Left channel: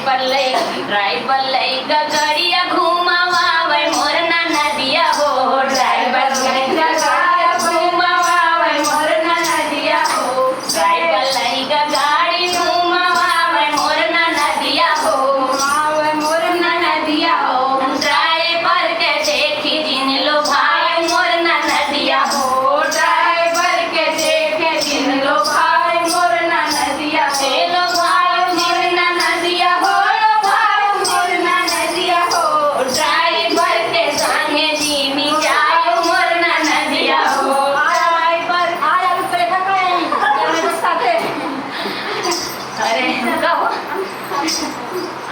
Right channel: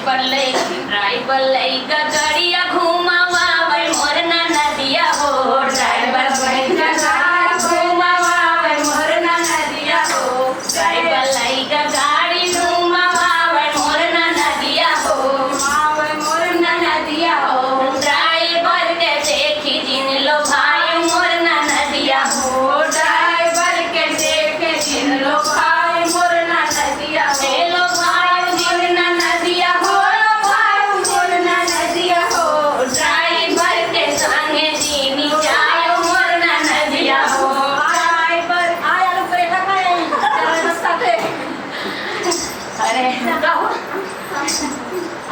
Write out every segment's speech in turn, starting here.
Driver लइका गड़िया घुमावे मोर नदिया हो। ड्राइवर लइका घुमावे मोर नदिया हो। ड्राइवर लइका गाड़ी घुमावे मोर नदिया हो। आवे मोर नदिया हो। ड्राइवर के देखी जिन लो भाई मोर नदिया हो। ड्राइवर के देखे जिन लो भाई मोर नदिया हो। लो भाई मोर नदिया हो। ड्राइवर के संगे जीनी जायो मोर नदिया हो। ड्राइवर आया रुपए साथे अरे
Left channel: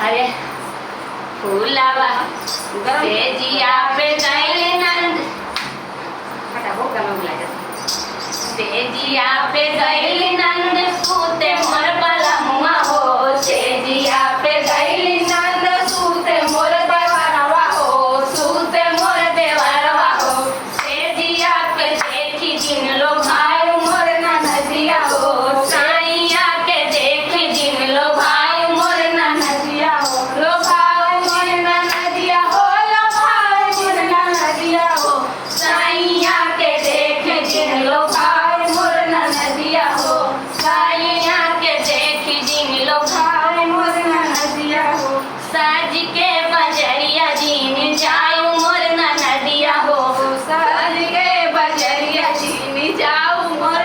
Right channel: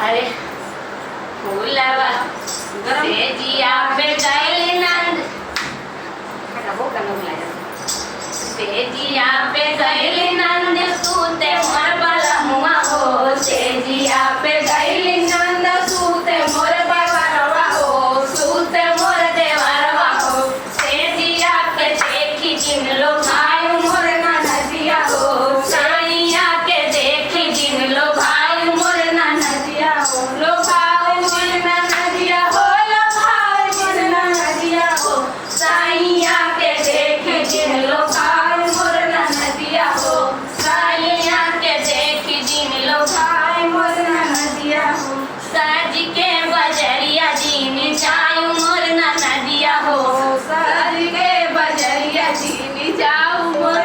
अरे फूलावा तेजिया पे दैली नंद वो कम लाया तेजिया पे दैली नंद सूते मोर बला मुआ हो। तेजिया पे दैली नंद सूते मोर देवरवा हो। सूते मोर देवरवा हो। तेजिया के देखी जिन लो भाई मोर नदिया हो। साइया के देखी जिन लो भाई मोर नदिया हो। लो भाई मोर नदिया हो। लो भाई मोर नदिया हो। साइया के देखी जिन लो भाई मोर नदिया हो। साइया के देखी जिन लो भाई मोर नदिया हो। साज के बजरिया जीनी जाऊं मोर नदिया हो। साज के बजरिया जीनी जाऊं मोर